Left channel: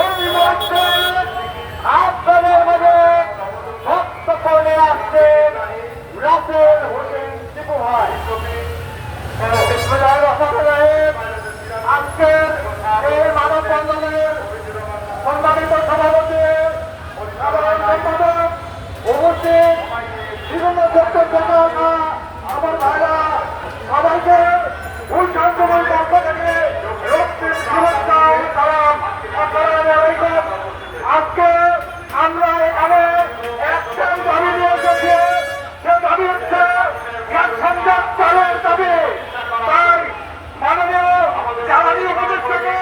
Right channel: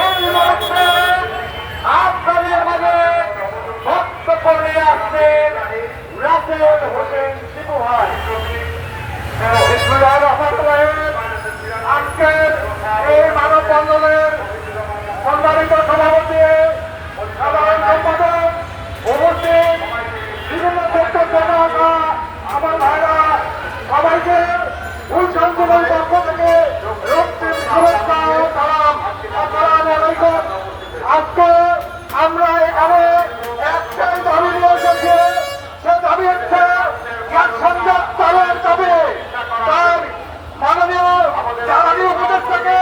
এই মুহূর্তে আপনাদের মাঝে বক্তব্য নিয়ে আসছে রাসেল হোসেন শিবু ভাই। আজকের এই মানব বন্ধনের সম্মানিত সভাপতি সাধারণ সম্পাদক, উপস্থিত বিভিন্ন বক্তব্য আমার ভাইরা সবাইকে ভুল শান্ত আমরা এখানে একটাই দাবি নিয়ে গেছি সে দাবি হচ্ছে গ্যাস সংযোগ চালুর দাবি। তাই মাননীয় জ্বালানি উপদেষ্টাকে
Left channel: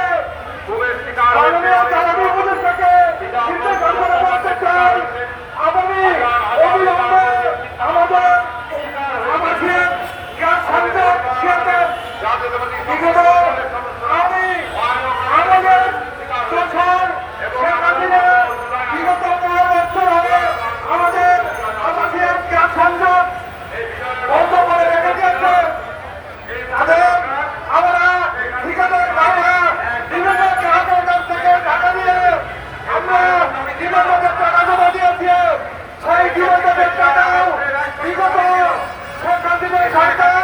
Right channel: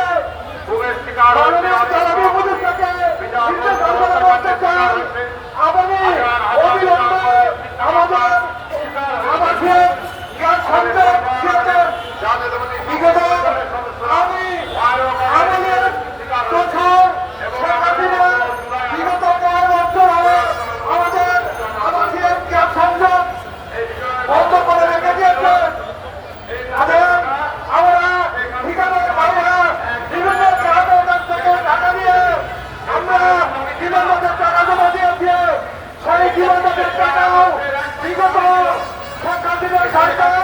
জ্বালানি উপদেষ্টাকে আগামী অবিলম্বে আমাদের আমাদের টাকাও বিগত সরকার।